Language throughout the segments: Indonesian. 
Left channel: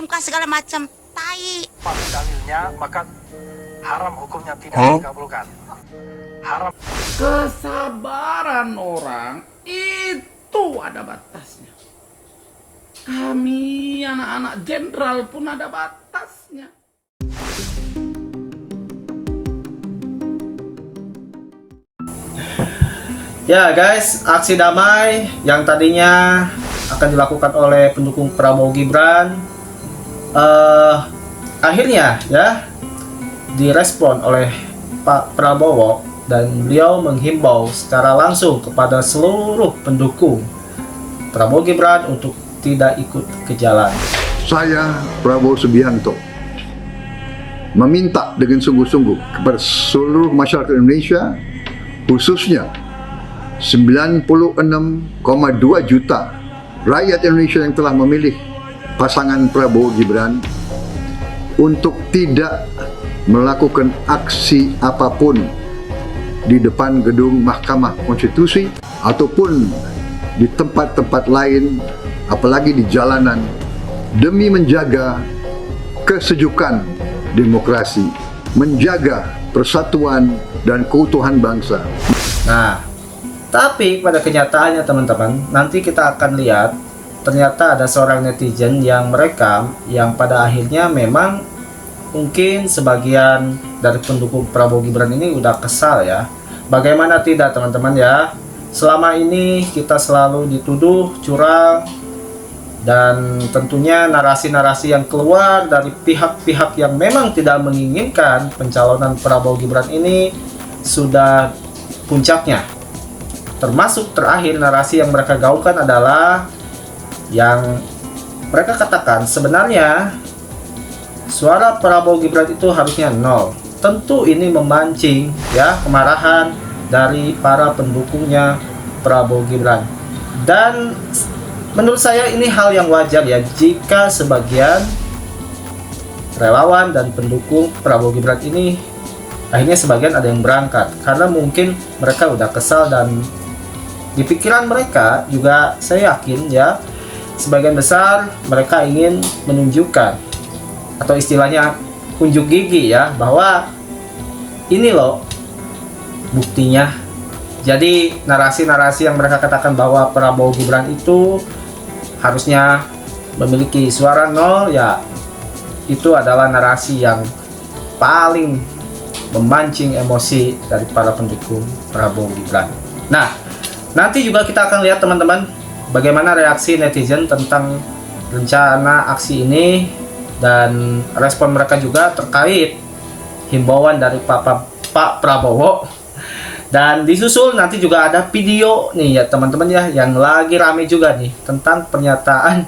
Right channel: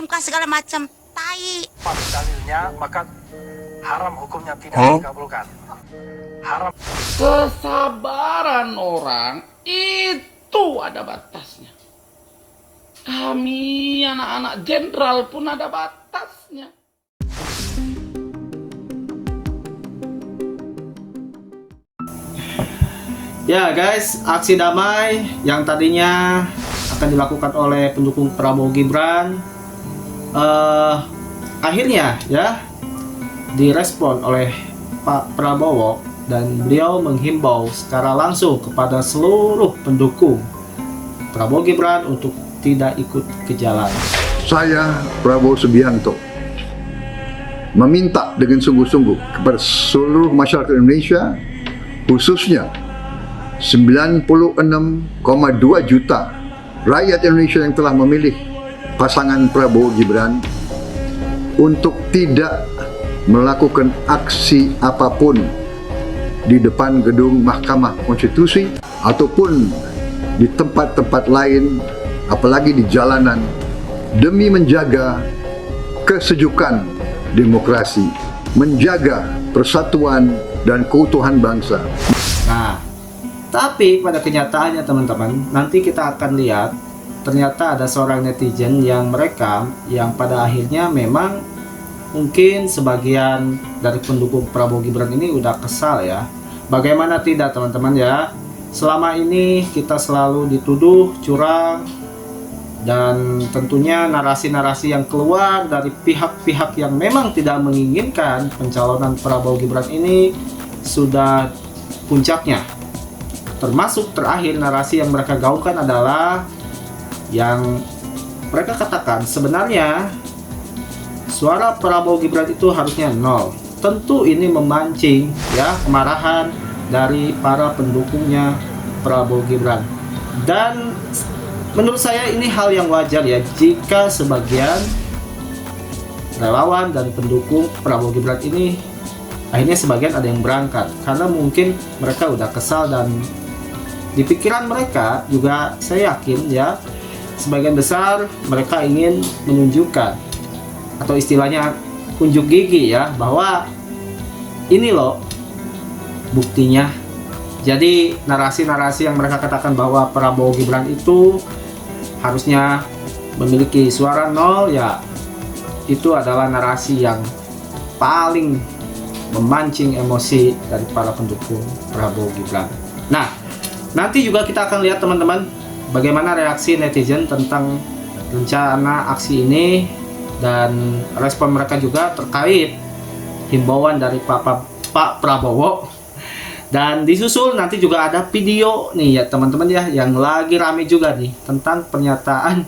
MK segala macam. Tai. Dalilnya maka haram hukumnya tidak dikabulkan. Haram. Kesabaran orang itu ada batasnya. Kami anak-anak jenderal pun ada batasnya. Ya guys, aksi damai yang tadinya akan dilakukan oleh pendukung Prabowo Gibran akhirnya ya direspon oleh Pak Prabowo, dan beliau menghimbau secara langsung kepada seluruh pendukung Prabowo Gibran untuk tidak ikut ke jalan. Saya Prabowo Subianto meminta dengan sungguh-sungguh kepada seluruh masyarakat Indonesia, khususnya 96,2 juta rakyat Indonesia yang telah memilih pasangan Prabowo Gibran, untuk tidak melakukan aksi apapun di depan gedung Mahkamah Konstitusi ataupun di tempat-tempat lain, apalagi di jalanan, demi menjaga kesejukan demokrasi, menjaga persatuan dan keutuhan bangsa. Nah, tapi pada kenyataannya teman-teman, nanti kita akan lihat ternyata ada seorang netizen yang merekam, yang pada akhirnya memang mungkin sebagian dari pendukung Prabowo Gibran ini udah kesal ya. Bagaimana tidak teman-teman ya, selama ini kita selalu dituduh curang, dan tentunya narasi-narasi yang keluar dari pihak-pihak yang memang tidak menginginkan pencalonan Prabowo Gibran ini sudah puncaknya. Termasuk terakhir narasi yang mereka gaungkan adalah yang mereka katakan sebenarnya suara Prabowo Gibran itu harusnya 0. Tentu ini memancing ya kemarahan dari para pendukungnya Prabowo Gibran. Dan menurut saya ini hal yang wajar ya, jika sebagian relawan dan pendukung Prabowo Gibran ini akhirnya sebagian ada yang berangkat karena mungkin mereka udah kesal, dan di pikiran mereka juga saya yakin ya sebagian besar mereka ingin menunjukkan atau istilahnya unjuk gigi ya, bahwa ini loh buktinya. Jadi narasi-narasi yang mereka katakan bahwa Prabowo Gibran itu harusnya memiliki suara 0 ya, itu adalah narasi yang paling memancing emosi dari para pendukung Prabowo Gibran. Nah, nanti juga kita akan lihat teman-teman bagaimana reaksi netizen tentang rencana aksi ini dan respon mereka juga terkait himbauan dari Pak Prabowo. Dan disusul nanti juga ada video nih ya teman-teman ya, yang lagi rame juga nih tentang pernyataan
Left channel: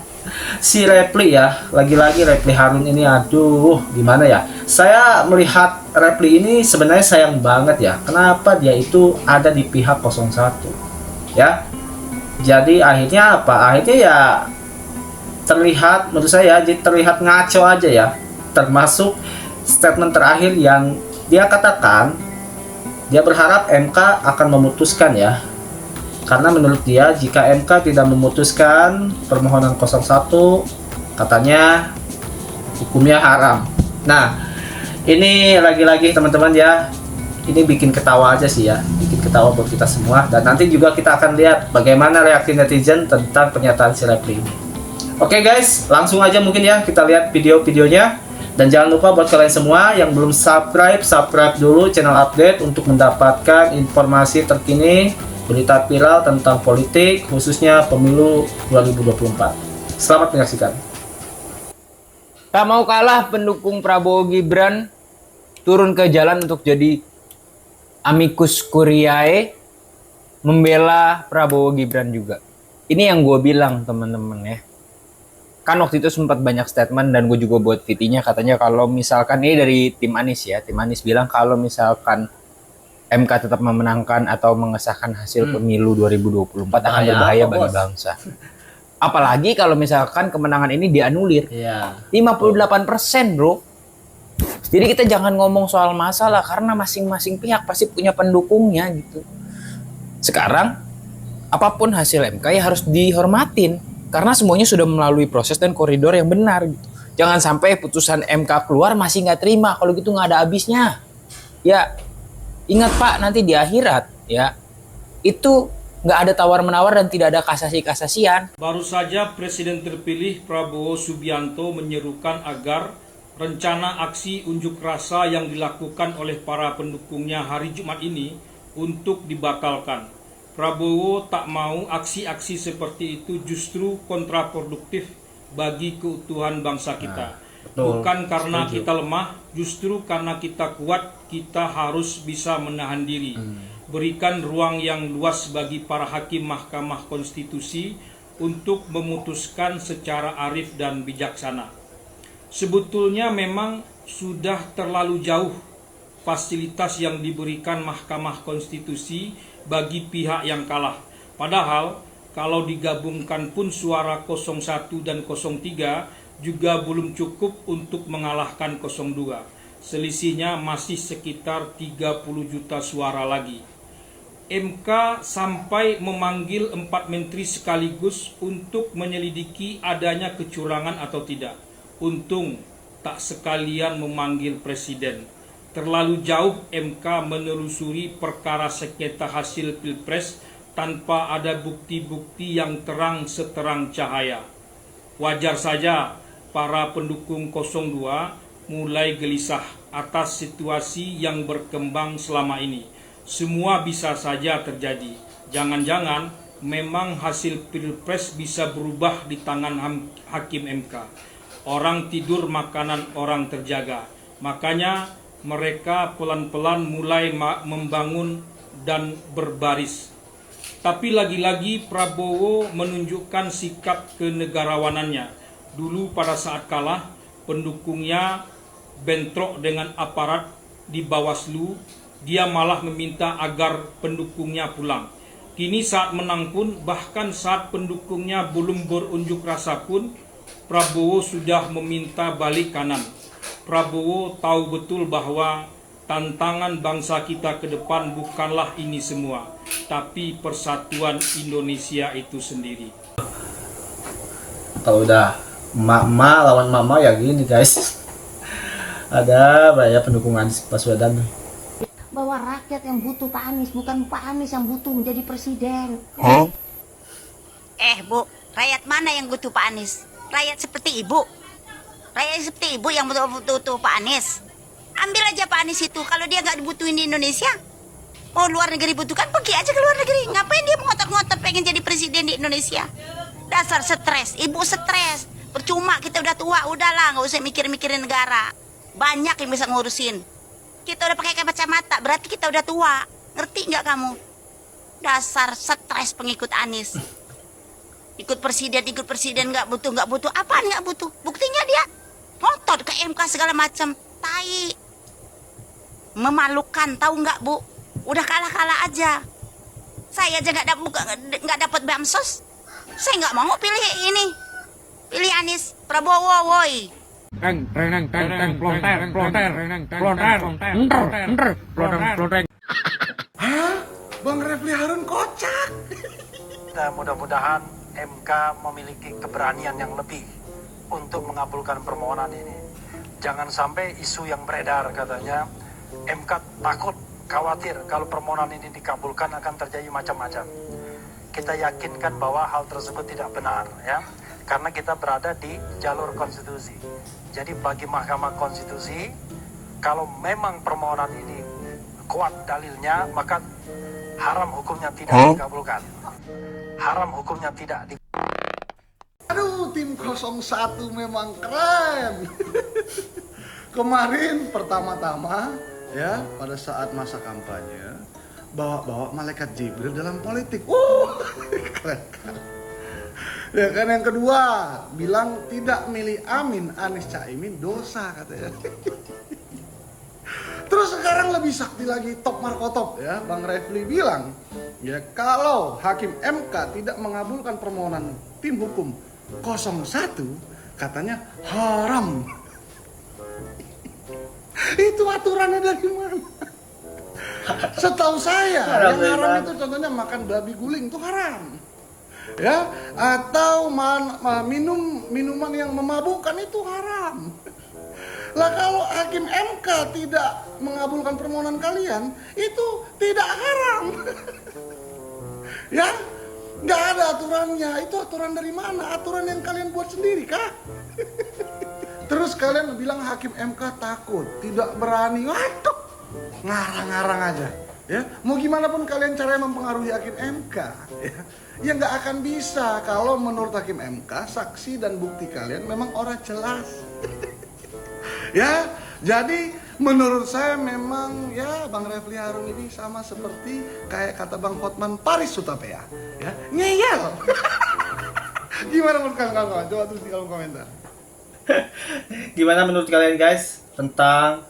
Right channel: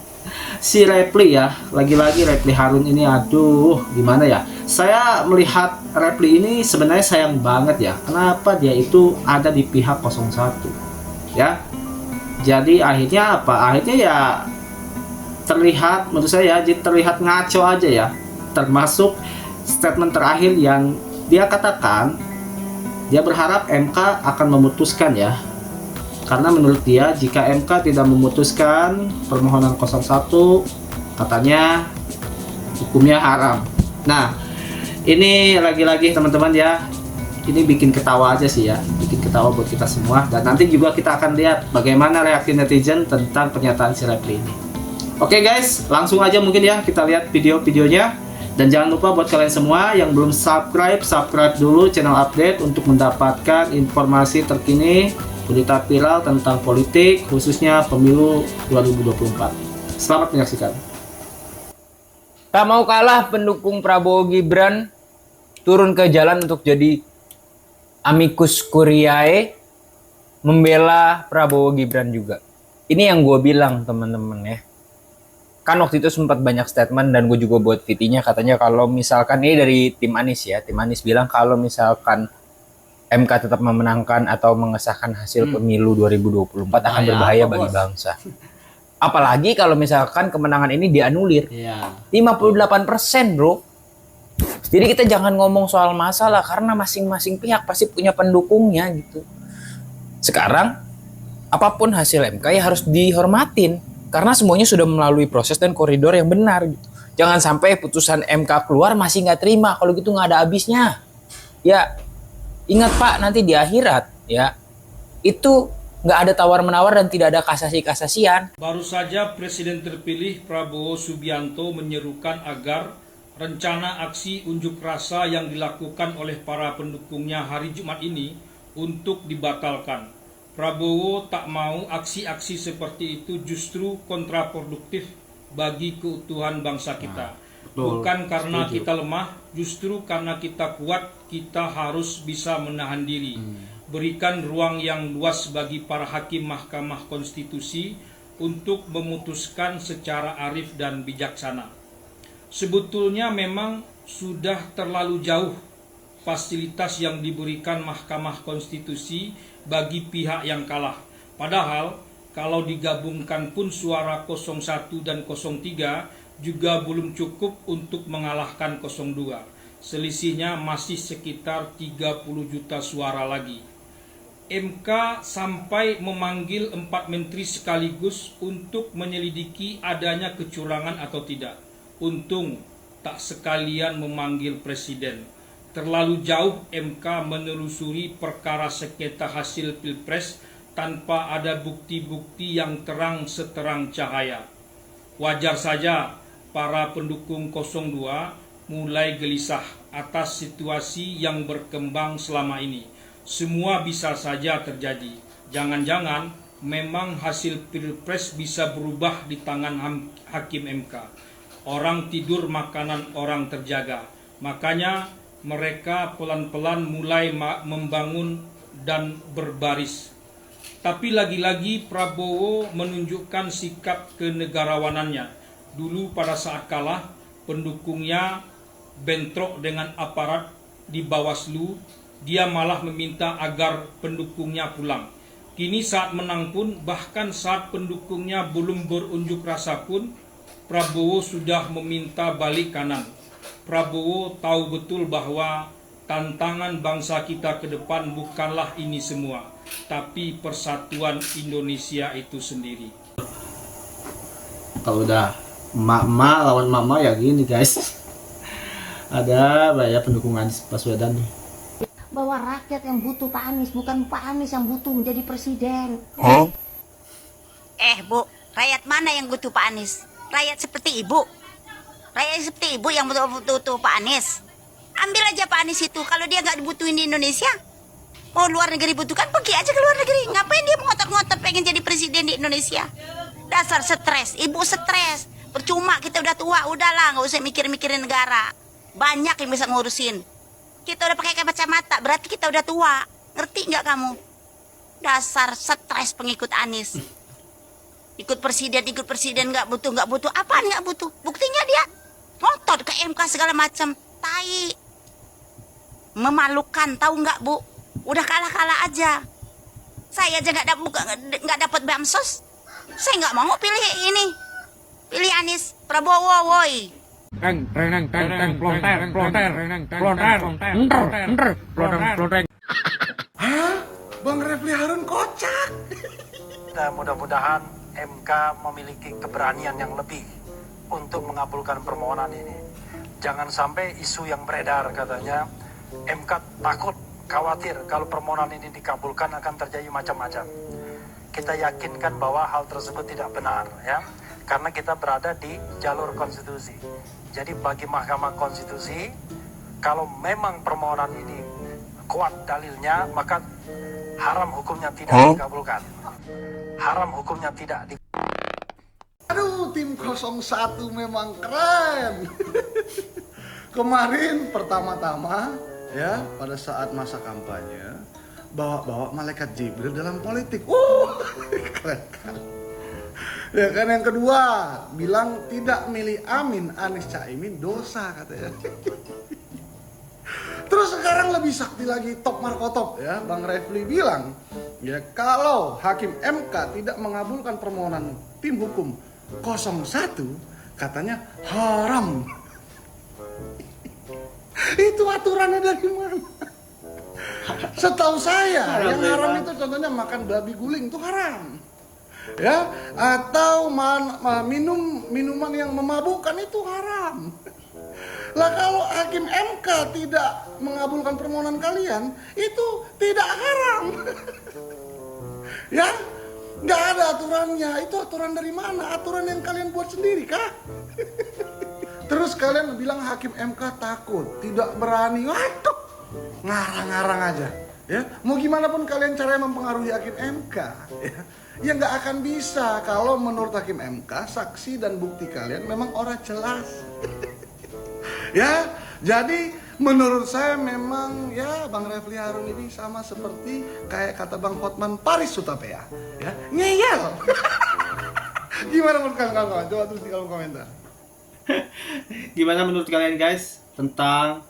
si Reply ya. Lagi-lagi Reply Harun ini, aduh gimana ya, saya melihat Reply ini sebenarnya sayang banget ya, kenapa dia itu ada di pihak 01 ya. Jadi akhirnya apa, akhirnya ya terlihat, menurut saya terlihat ngaco aja ya, termasuk statement terakhir yang dia katakan dia berharap MK akan memutuskan ya, karena menurut dia jika MK tidak memutuskan permohonan 01 katanya hukumnya haram. Nah ini lagi-lagi teman-teman ya, ini bikin ketawa aja sih ya, bikin ketawa buat kita semua. Dan nanti juga kita akan lihat bagaimana reaksi netizen tentang pernyataan si Reply ini. Oke guys, langsung aja mungkin ya kita lihat video-videonya. Dan jangan lupa buat kalian semua yang belum subscribe dulu channel update untuk mendapatkan informasi terkini, berita viral tentang politik, khususnya pemilu 2024. Selamat menyaksikan. Tak mau kalah, pendukung Prabowo Gibran turun ke jalan untuk jadi amicus curiae membela Prabowo Gibran juga. Ini yang gue bilang teman-teman ya. Kan waktu itu sempat banyak statement dan gue juga buat VT-nya, katanya kalau misalkan ini dari tim Anies ya, tim Anies bilang kalau misalkan MK tetap memenangkan atau mengesahkan hasil pemilu 2024 akan berbahaya bagi bangsa. Apalagi kalau misalkan kemenangan ini dianulir. 58% bro. Jadi kita jangan ngomong soal masalah, karena masing-masing pihak pasti punya pendukungnya gitu. Sekarang apapun hasil MK ya harus dihormatin, karena semuanya sudah melalui proses dan koridor yang benar gitu. Jangan sampai putusan MK keluar masih nggak terima, kalau gitu nggak ada habisnya. Ya, ingat Pak, nanti di akhirat ya, itu nggak ada tawar-menawar dan tidak ada kasasi-kasasian. Baru saja Presiden terpilih Prabowo Subianto menyerukan agar rencana aksi unjuk rasa yang dilakukan oleh para pendukungnya hari Jumat ini untuk dibatalkan. Prabowo tak mau aksi-aksi seperti itu justru kontraproduktif bagi keutuhan bangsa kita. Bukan karena kita lemah, justru karena kita kuat, kita harus bisa menahan diri. Berikan ruang yang luas bagi para hakim Mahkamah Konstitusi untuk memutuskan secara arif dan bijaksana. Sebetulnya memang sudah terlalu jauh fasilitas yang diberikan Mahkamah Konstitusi bagi pihak yang kalah. Padahal kalau digabungkan pun suara 01 dan 03 juga belum cukup untuk mengalahkan 02. Selisihnya masih sekitar 30 juta suara lagi. MK sampai memanggil 4 menteri sekaligus untuk menyelidiki adanya kecurangan atau tidak. Untung tak sekalian memanggil presiden. Terlalu jauh MK menelusuri perkara sengketa hasil Pilpres tanpa ada bukti-bukti yang terang seterang cahaya. Wajar saja para pendukung 02 mulai gelisah atas situasi yang berkembang selama ini. Semua bisa saja terjadi. Jangan-jangan memang hasil Pilpres bisa berubah di tangan hakim MK. Orang tidur, makanan orang terjaga. Makanya mereka pelan-pelan mulai membangun dan berbaris. Tapi lagi-lagi Prabowo menunjukkan sikap kenegarawanannya. Dulu pada saat kalah, pendukungnya bentrok dengan aparat di Bawaslu. Dia malah meminta agar pendukungnya pulang. Kini saat menang pun, bahkan saat pendukungnya belum berunjuk rasa pun, Prabowo sudah meminta balik kanan. Prabowo tahu betul bahwa tantangan bangsa kita ke depan bukanlah ini semua, tapi persatuan Indonesia itu sendiri. Kalau udah emak-emak lawan mama ya gini guys. Ada banyak pendukung Anies Baswedan. Bahwa rakyat yang butuh Pak Anies, bukan Pak Anies yang butuh menjadi presiden. Bu, rakyat mana yang butuh Pak Anies? Rakyat seperti ibu. Rakyat seperti ibu yang butuh Pak Anies. Ambil aja Pak Anies itu. Kalau dia nggak dibutuhin di Indonesia, mau luar negeri butuhkan, pergi aja ke luar negeri. Ngapain dia ngotot-ngotot pengen jadi presiden di Indonesia? Dasar stres, ibu stres. Percuma kita udah tua, udahlah nggak usah mikir-mikirin negara. Banyak yang bisa ngurusin. Kita udah pakai kacamata, berarti kita udah tua. Ngerti nggak kamu? Dasar stres pengikut Anies. Ikut presiden nggak butuh. Apaan nggak butuh? Buktinya dia ngotot ke MK segala macam. Tai. Memalukan, tahu nggak Bu? Udah kalah aja. Saya aja nggak dapat bansos. Saya nggak mau pilih ini. Pilih Anies Prabowo, woi. Bang Refli Harun kocak. Dan mudah-mudahan MK memiliki keberanian yang lebih untuk mengabulkan permohonan ini. Jangan sampai isu yang beredar katanya MK takut, khawatir kalau permohonan ini dikabulkan akan terjadi macam-macam. Kita yakinkan bahwa hal tersebut tidak benar ya. Karena kita berada di jalur konstitusi. Jadi bagi Mahkamah Konstitusi, kalau memang permohonan ini kuat dalilnya, maka haram hukumnya tidak dikabulkan. Haram hukumnya tidak dikabulkan. Aduh, tim 01 memang keren. Kemarin pertama-tama ya, pada saat masa kampanye, bawa malaikat Jibril dalam politik. Keren kan? Ya kan, yang kedua bilang tidak milih Amin Anies Caimin dosa katanya. Terus sekarang lebih sakti lagi, top markotop ya, Bang Refli bilang ya, kalau hakim MK tidak mengabulkan permohonan tim hukum 01 katanya haram. Itu aturannya dari mana? Setahu saya yang haram itu contohnya makan babi guling itu haram. Ya, atau minum minuman yang memabukkan itu haram. Lah kalau hakim MK tidak mengabulkan permohonan kalian, itu tidak haram. Ya, nggak ada aturannya. Itu aturan dari mana? Aturan yang kalian buat sendiri kah? Terus kalian bilang hakim MK takut, tidak berani. Waduh, ngarang-ngarang aja. Ya, mau gimana pun kalian caranya mempengaruhi hakim MK, ya nggak akan bisa kalau menurut hakim MK saksi dan bukti kalian memang orang jelas. Ya, jadi menurut saya memang ya Bang Refli Harun ini sama seperti kayak kata Bang Hotman Paris Hutapea, ya ngeyel. Gimana menurut kawan-kawan? Coba tulis di kolom komentar. Gimana menurut kalian guys tentang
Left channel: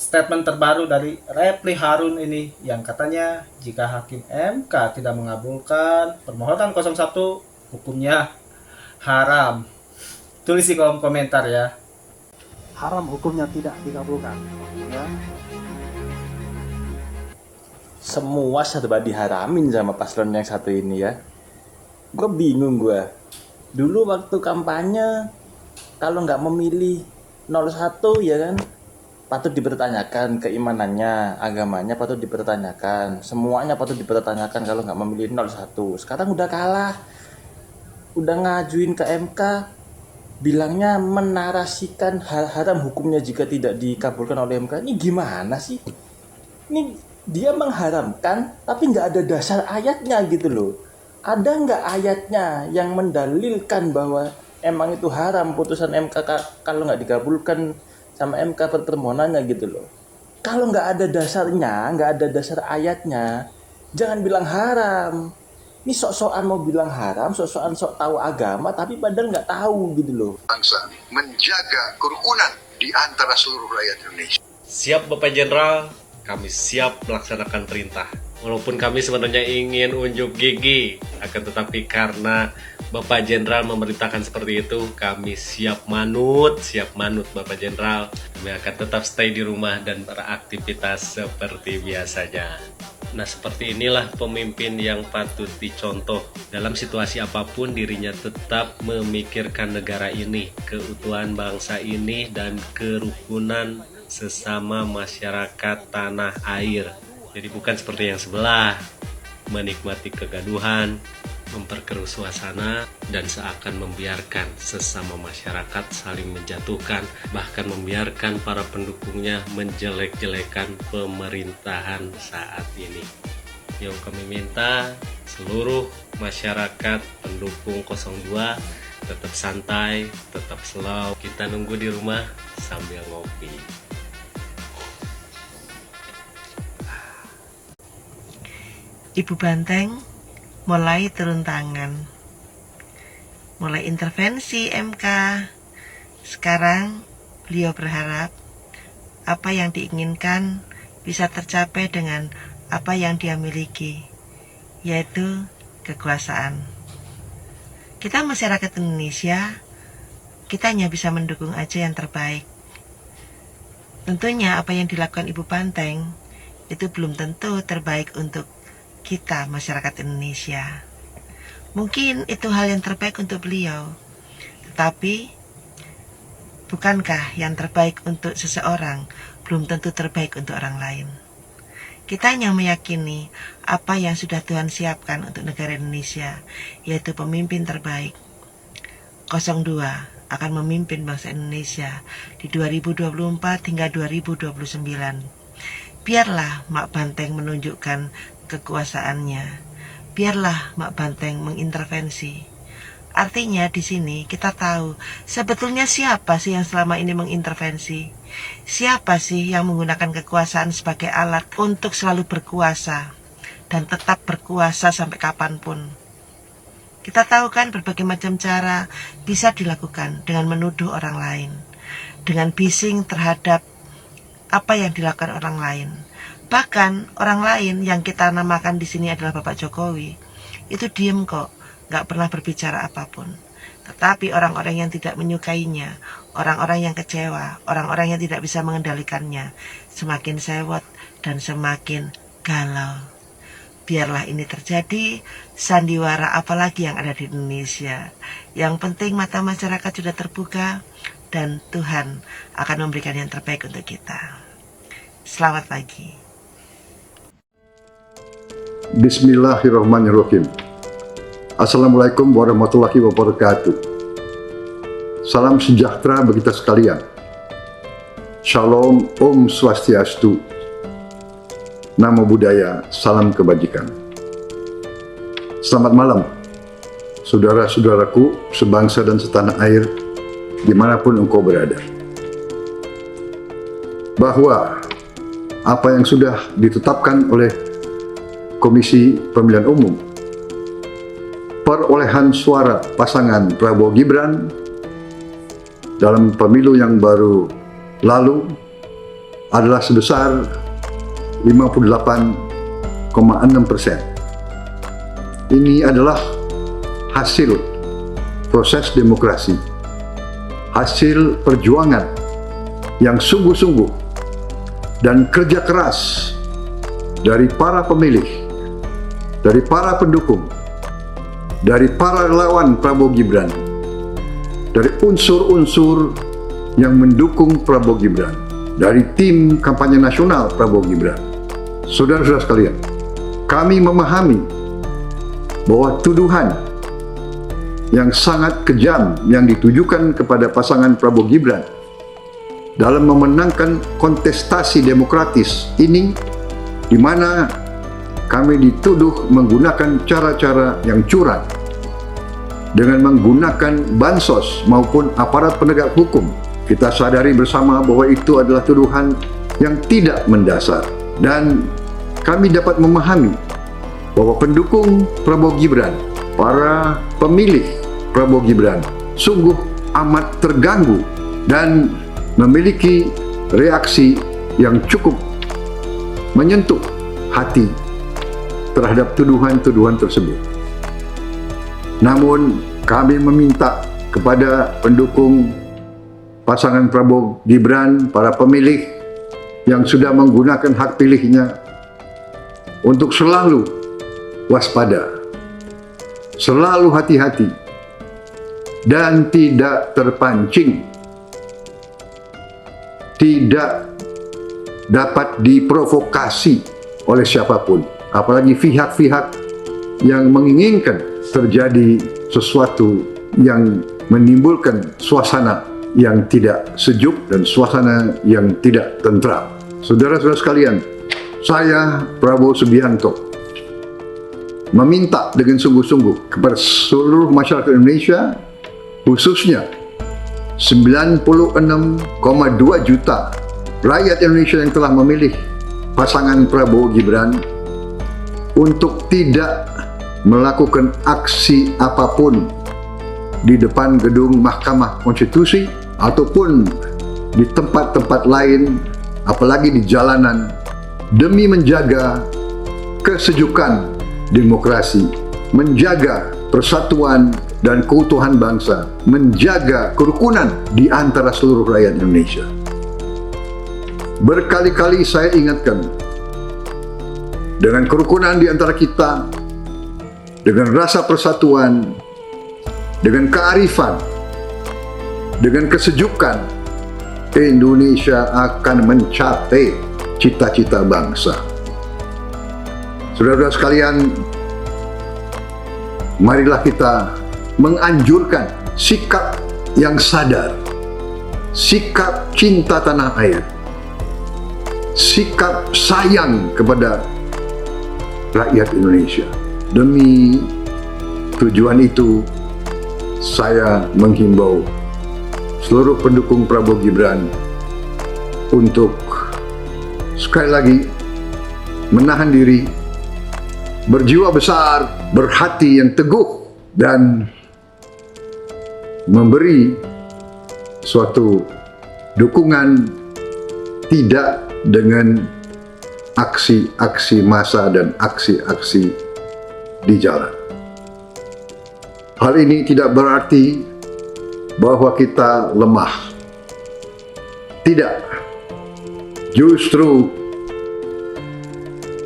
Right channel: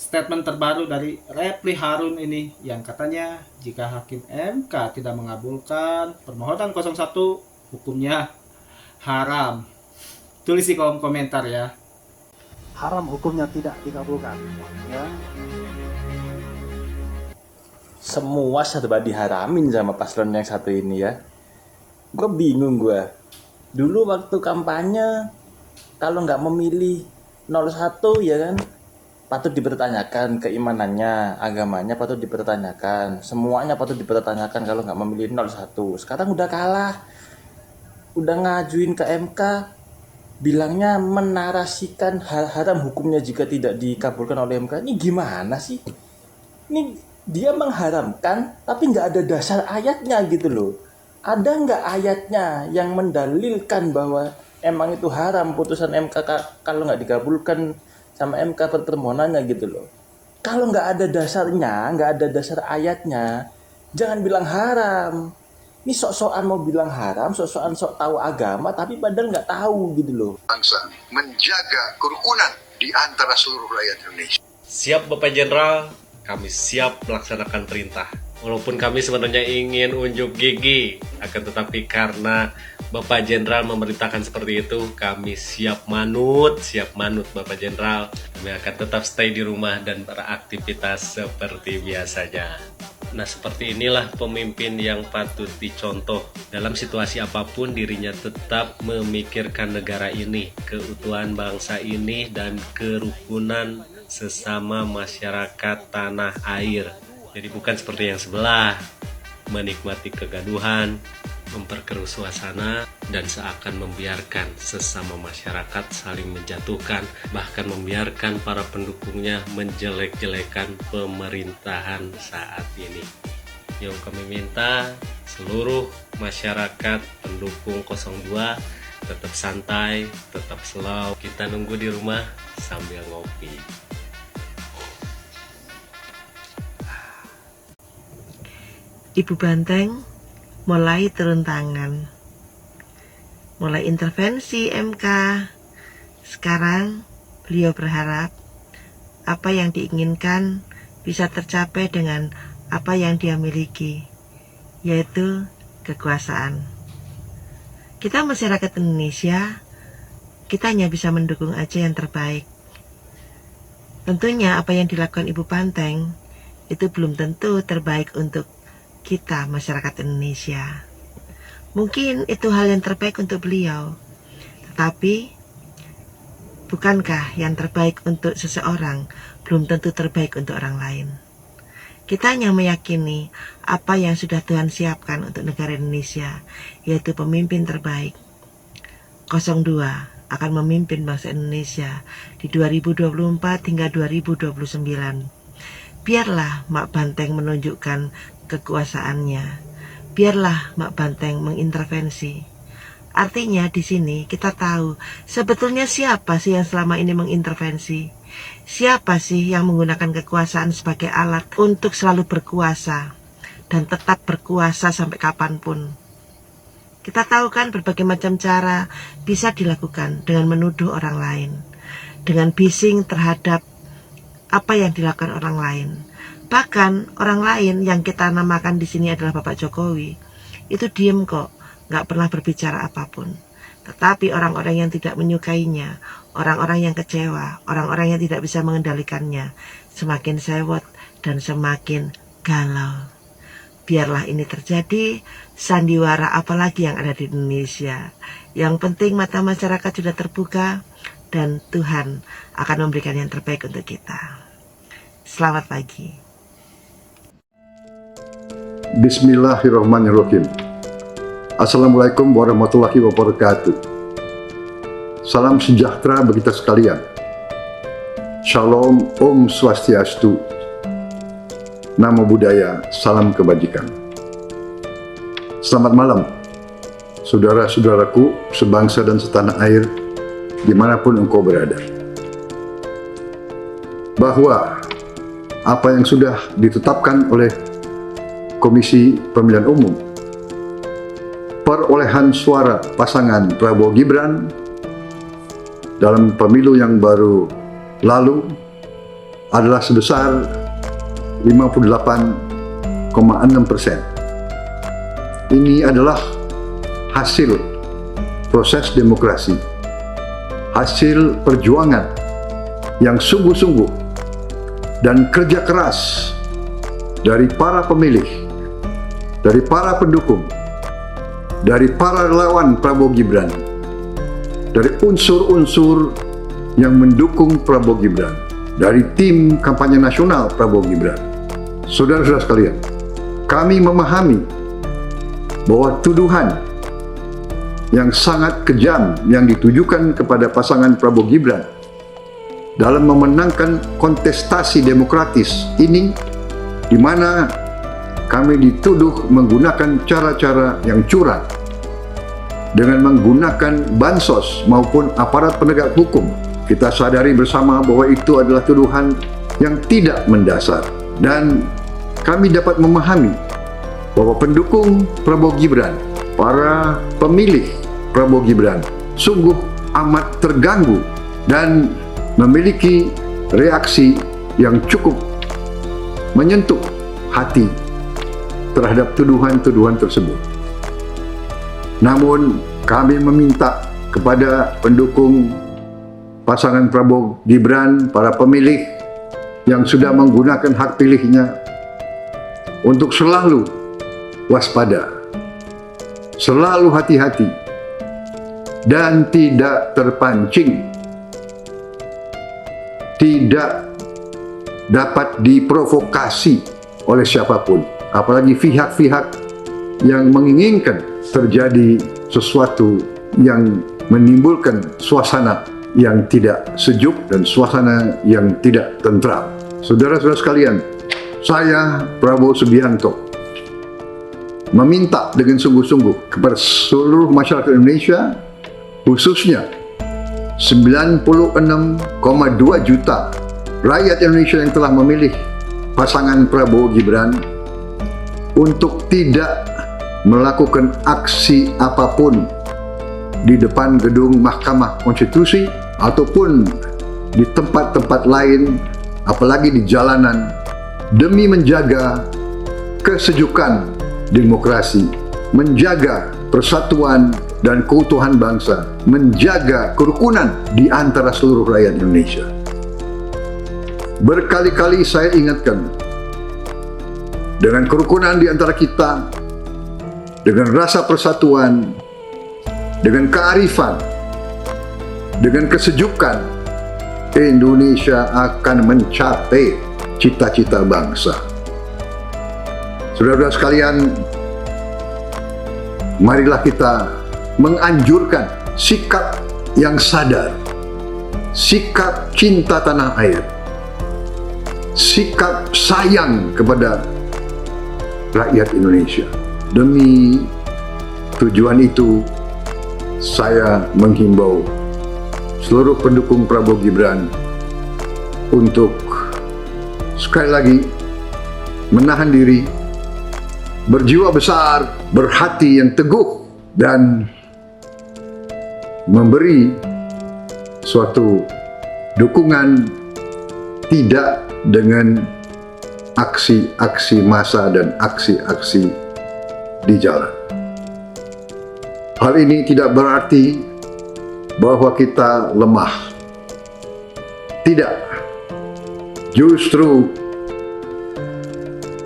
statement terbaru dari Refli Harun ini yang katanya jika hakim MK tidak mengabulkan permohonan 01 hukumnya haram? Tulis di kolom komentar ya. Haram hukumnya tidak dikabulkan. Ya. Semua serba diharamin sama paslon yang satu ini ya. Gue bingung gue. Dulu waktu kampanye, kalau nggak memilih 01 ya kan, patut dipertanyakan keimanannya, agamanya patut dipertanyakan, semuanya patut dipertanyakan kalau nggak memilih 01. Sekarang udah kalah, udah ngajuin ke MK, bilangnya menarasikan hal haram hukumnya jika tidak dikabulkan oleh MK. Ini gimana sih? Ini dia mengharamkan tapi nggak ada dasar ayatnya gitu loh. Ada nggak ayatnya yang mendalilkan bahwa emang itu haram putusan MK kalau nggak dikabulkan sama MK permohonannya gitu loh. Kalau nggak ada dasarnya, nggak ada dasar ayatnya, jangan bilang haram. Ini sok-sokan mau bilang haram, sok-sokan sok tahu agama, tapi padahal nggak tahu gitu loh. Bangsa menjaga kerukunan di antara seluruh rakyat Indonesia. Siap Bapak Jenderal, kami siap melaksanakan perintah. Walaupun kami sebenarnya ingin unjuk gigi, akan tetapi karena Bapak Jenderal memerintahkan seperti itu, kami siap manut Bapak Jenderal. Kami akan tetap stay di rumah dan beraktivitas seperti biasanya. Nah, seperti inilah pemimpin yang patut dicontoh. Dalam situasi apapun dirinya tetap memikirkan negara ini, keutuhan bangsa ini, dan kerukunan sesama masyarakat tanah air. Jadi bukan seperti yang sebelah, menikmati kegaduhan, memperkeruh suasana, dan seakan membiarkan sesama masyarakat saling menjatuhkan, bahkan membiarkan para pendukungnya menjelek-jelekan pemerintahan saat ini. Yang kami minta seluruh masyarakat pendukung 02 tetap santai, tetap slow. Kita nunggu di rumah sambil ngopi. Ibu Banteng mulai turun tangan, mulai intervensi MK. Sekarang beliau berharap apa yang diinginkan bisa tercapai dengan apa yang dia miliki, yaitu kekuasaan. Kita masyarakat Indonesia, kita hanya bisa mendukung aja yang terbaik. Tentunya apa yang dilakukan Ibu Banteng itu belum tentu terbaik untuk kita masyarakat Indonesia. Mungkin itu hal yang terbaik untuk beliau, tetapi bukankah yang terbaik untuk seseorang belum tentu terbaik untuk orang lain? Kita hanya meyakini apa yang sudah Tuhan siapkan untuk negara Indonesia, yaitu pemimpin terbaik. 02 akan memimpin bangsa Indonesia di 2024 hingga 2029. Biarlah Mak Banteng menunjukkan kekuasaannya. Biarlah Mak Banteng mengintervensi. Artinya di sini kita tahu sebetulnya siapa sih yang selama ini mengintervensi. Siapa sih yang menggunakan kekuasaan sebagai alat untuk selalu berkuasa dan tetap berkuasa sampai kapanpun. Kita tahu kan berbagai macam cara bisa dilakukan dengan menuduh orang lain, dengan bising terhadap apa yang dilakukan orang lain. Bahkan orang lain yang kita namakan di sini adalah Bapak Jokowi, itu diem kok, nggak pernah berbicara apapun. Tetapi orang-orang yang tidak menyukainya, orang-orang yang kecewa, orang-orang yang tidak bisa mengendalikannya, semakin sewot dan semakin galau. Biarlah ini terjadi, sandiwara apalagi yang ada di Indonesia. Yang penting mata masyarakat sudah terbuka dan Tuhan akan memberikan yang terbaik untuk kita. Selamat pagi. Bismillahirrahmanirrahim. Assalamualaikum warahmatullahi wabarakatuh. Salam sejahtera bagi kita sekalian. Shalom, Om Swastiastu. Namo Buddhaya, salam kebajikan. Selamat malam, saudara-saudaraku sebangsa dan setanah air, dimanapun engkau berada. Bahwa apa yang sudah ditetapkan oleh Komisi Pemilihan Umum, perolehan suara pasangan Prabowo Gibran dalam pemilu yang baru lalu adalah sebesar 58,6%. Ini adalah hasil proses demokrasi, hasil perjuangan yang sungguh-sungguh dan kerja keras dari para pemilih, dari para pendukung, dari para relawan Prabowo Gibran, dari unsur-unsur yang mendukung Prabowo Gibran, dari tim kampanye nasional Prabowo Gibran. Saudara-saudara sekalian, kami memahami bahwa tuduhan yang sangat kejam yang ditujukan kepada pasangan Prabowo Gibran dalam memenangkan kontestasi demokratis ini, di mana kami dituduh menggunakan cara-cara yang curang dengan menggunakan bansos maupun aparat penegak hukum. Kita sadari bersama bahwa itu adalah tuduhan yang tidak mendasar, dan kami dapat memahami bahwa pendukung Prabowo Gibran, para pemilih Prabowo Gibran sungguh amat terganggu dan memiliki reaksi yang cukup menyentuh hati terhadap tuduhan-tuduhan tersebut. Namun kami meminta kepada pendukung pasangan Prabowo Gibran, para pemilih yang sudah menggunakan hak pilihnya, untuk selalu waspada, selalu hati-hati, dan tidak terpancing, tidak dapat diprovokasi oleh siapapun, apalagi pihak-pihak yang menginginkan terjadi sesuatu yang menimbulkan suasana yang tidak sejuk dan suasana yang tidak tentram. Saudara-saudara sekalian, saya Prabowo Subianto meminta dengan sungguh-sungguh kepada seluruh masyarakat Indonesia, khususnya 96,2 juta rakyat Indonesia yang telah memilih pasangan Prabowo Gibran, untuk tidak melakukan aksi apapun di depan gedung Mahkamah Konstitusi ataupun di tempat-tempat lain, apalagi di jalanan, demi menjaga kesejukan demokrasi, menjaga persatuan dan keutuhan bangsa, menjaga kerukunan di antara seluruh rakyat Indonesia. Berkali-kali saya ingatkan, dengan kerukunan di antara kita, dengan rasa persatuan, dengan kearifan, dengan kesejukan, Indonesia akan mencapai cita-cita bangsa. Saudara-saudara sekalian, marilah kita menganjurkan sikap yang sadar, sikap cinta tanah air, sikap sayang kepada rakyat Indonesia. Demi tujuan itu, saya menghimbau seluruh pendukung Prabowo Gibran untuk sekali lagi menahan diri, berjiwa besar, berhati yang teguh, dan memberi suatu dukungan tidak dengan aksi-aksi massa dan aksi-aksi di jalan. Hal ini tidak berarti bahwa kita lemah. Tidak. Justru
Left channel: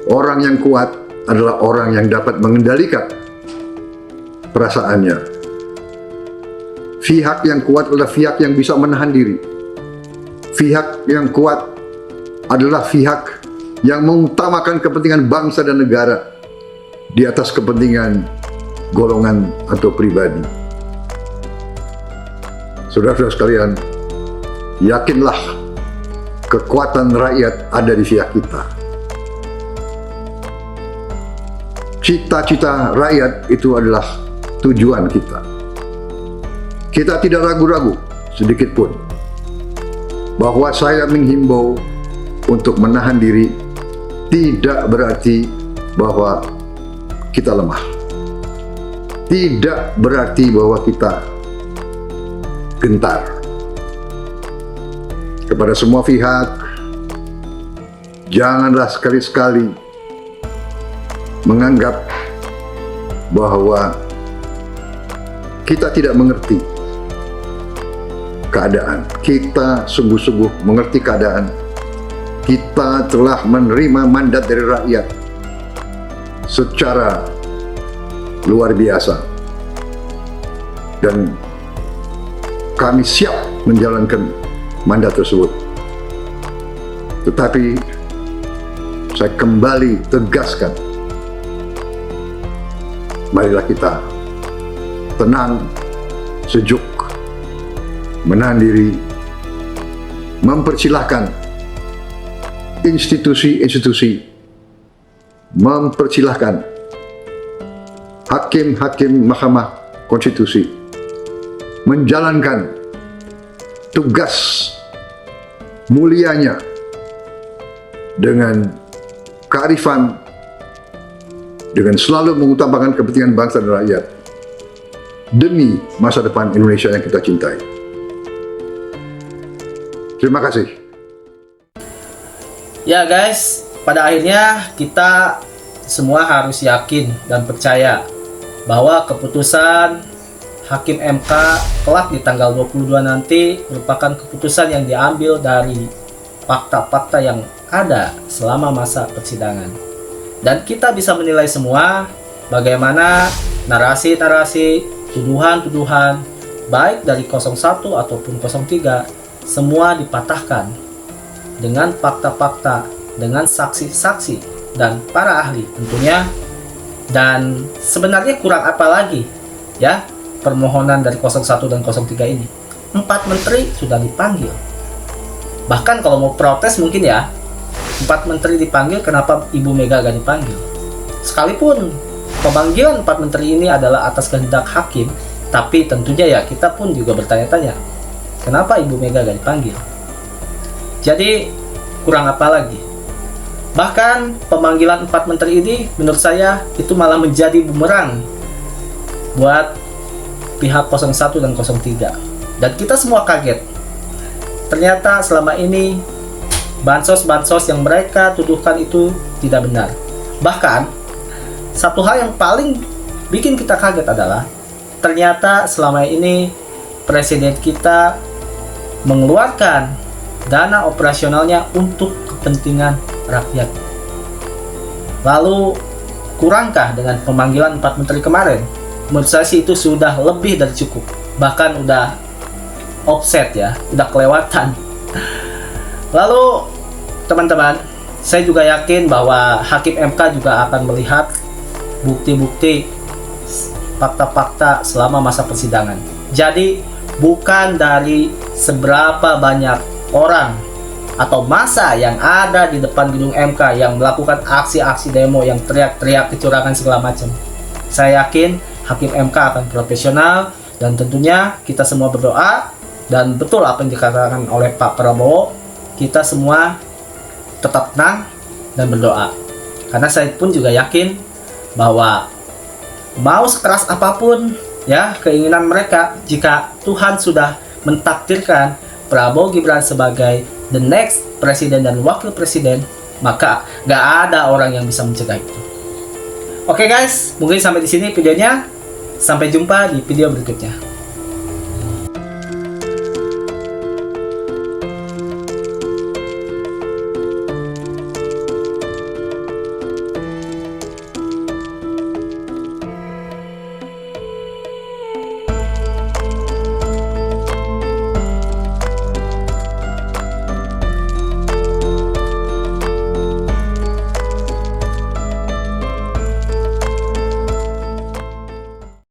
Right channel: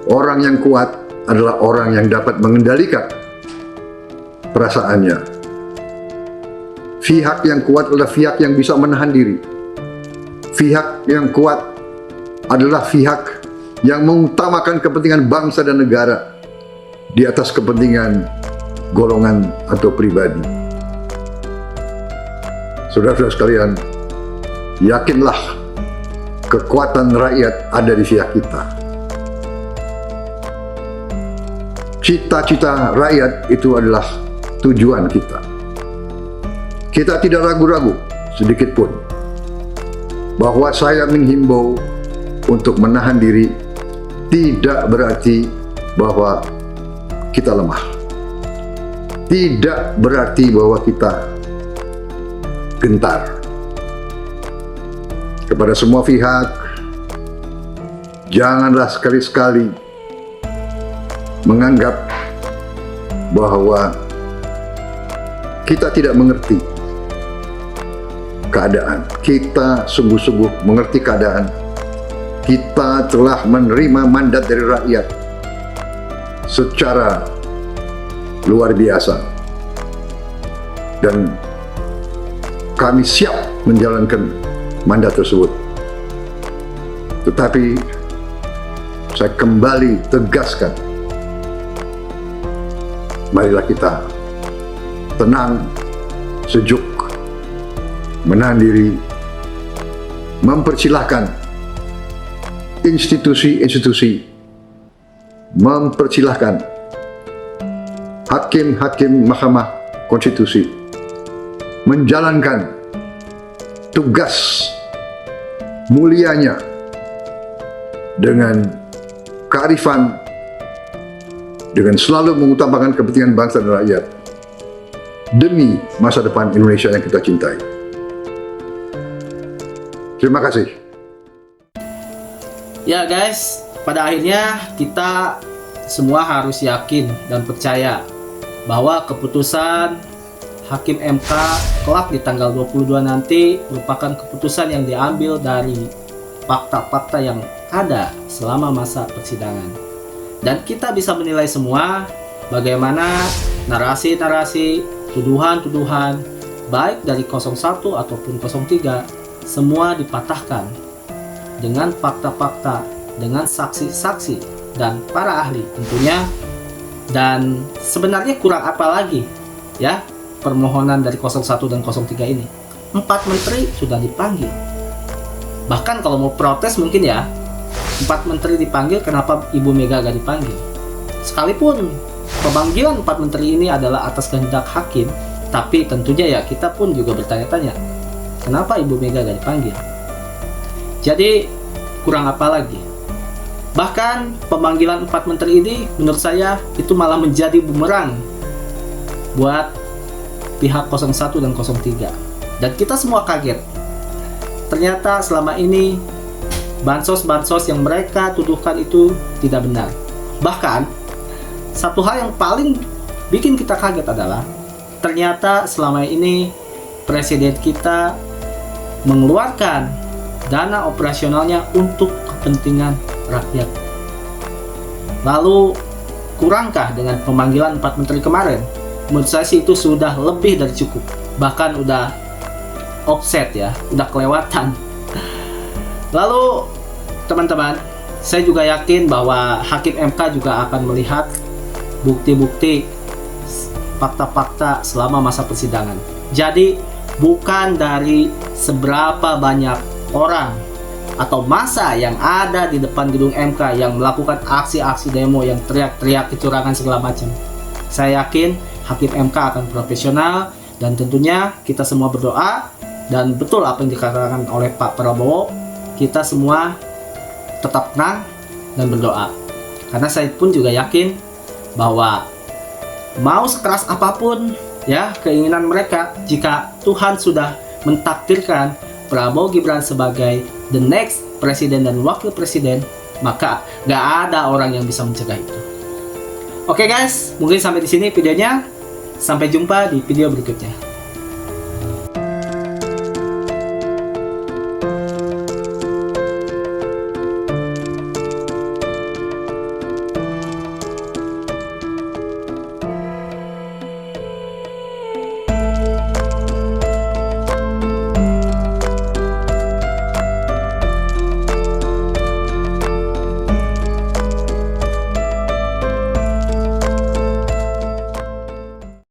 orang yang kuat, adalah orang yang dapat mengendalikan perasaannya. Pihak yang kuat adalah pihak yang bisa menahan diri. Pihak yang kuat adalah pihak yang mengutamakan kepentingan bangsa dan negara di atas kepentingan golongan atau pribadi. Saudara-saudara sekalian, yakinlah kekuatan rakyat ada di pihak kita. Cita-cita rakyat itu adalah tujuan kita. Kita tidak ragu-ragu sedikit pun bahwa saya menghimbau untuk menahan diri tidak berarti bahwa kita lemah. Tidak berarti bahwa kita gentar. Kepada semua pihak, janganlah sekali-sekali menganggap bahwa kita tidak mengerti keadaan. Kita sungguh-sungguh mengerti keadaan. Kita telah menerima mandat dari rakyat secara luar biasa. Dan kami siap menjalankan mandat tersebut. Tetapi saya kembali tegaskan, marilah kita tenang, sejuk, menahan diri, mempersilahkan institusi-institusi, mempersilahkan hakim-hakim Mahkamah Konstitusi menjalankan tugas mulianya dengan kearifan, dengan selalu mengutamakan kepentingan bangsa dan rakyat demi masa depan Indonesia yang kita cintai. Terima kasih. Ya guys, pada akhirnya kita semua harus yakin dan percaya bahwa keputusan Hakim MK kelak di tanggal 22 nanti merupakan keputusan yang diambil dari fakta-fakta yang ada selama masa persidangan. Dan kita bisa menilai semua bagaimana narasi-narasi, tuduhan-tuduhan baik dari 01 ataupun 03 semua dipatahkan dengan fakta-fakta, dengan saksi-saksi dan para ahli tentunya. Dan sebenarnya kurang apa lagi ya permohonan dari 01 dan 03 ini. 4 menteri sudah dipanggil. Bahkan kalau mau protes mungkin ya 4 menteri dipanggil, kenapa Ibu Mega gak dipanggil? Sekalipun pemanggilan 4 menteri ini adalah atas kehendak hakim, tapi tentunya ya kita pun juga bertanya-tanya, kenapa Ibu Mega gak dipanggil? Jadi kurang apa lagi? Bahkan pemanggilan 4 menteri ini menurut saya itu malah menjadi bumerang buat pihak 01 dan 03. Dan kita semua kaget. Ternyata selama ini bansos-bansos yang mereka tuduhkan itu tidak benar. Bahkan satu hal yang paling bikin kita kaget adalah ternyata selama ini presiden kita mengeluarkan dana operasionalnya untuk kepentingan rakyat. Lalu kurangkah dengan pemanggilan 4 menteri kemarin? Menurut saya sih itu sudah lebih dari cukup. Bahkan udah offset ya, udah kelewatan. Lalu teman-teman, saya juga yakin bahwa Hakim MK juga akan melihat bukti-bukti fakta-fakta selama masa persidangan. Jadi bukan dari seberapa banyak orang atau massa yang ada di depan gedung MK yang melakukan aksi-aksi demo yang teriak-teriak kecurangan segala macam. Saya yakin Hakim MK akan profesional dan tentunya kita semua berdoa dan betul apa yang dikatakan oleh Pak Prabowo, kita semua tetap tenang dan berdoa. Karena saya pun juga yakin bahwa mau sekeras apapun ya keinginan mereka, jika Tuhan sudah mentakdirkan Prabowo Gibran sebagai the next presiden dan wakil presiden, maka gak ada orang yang bisa mencegah itu. Oke guys, mungkin sampai di sini videonya. Sampai jumpa di video berikutnya.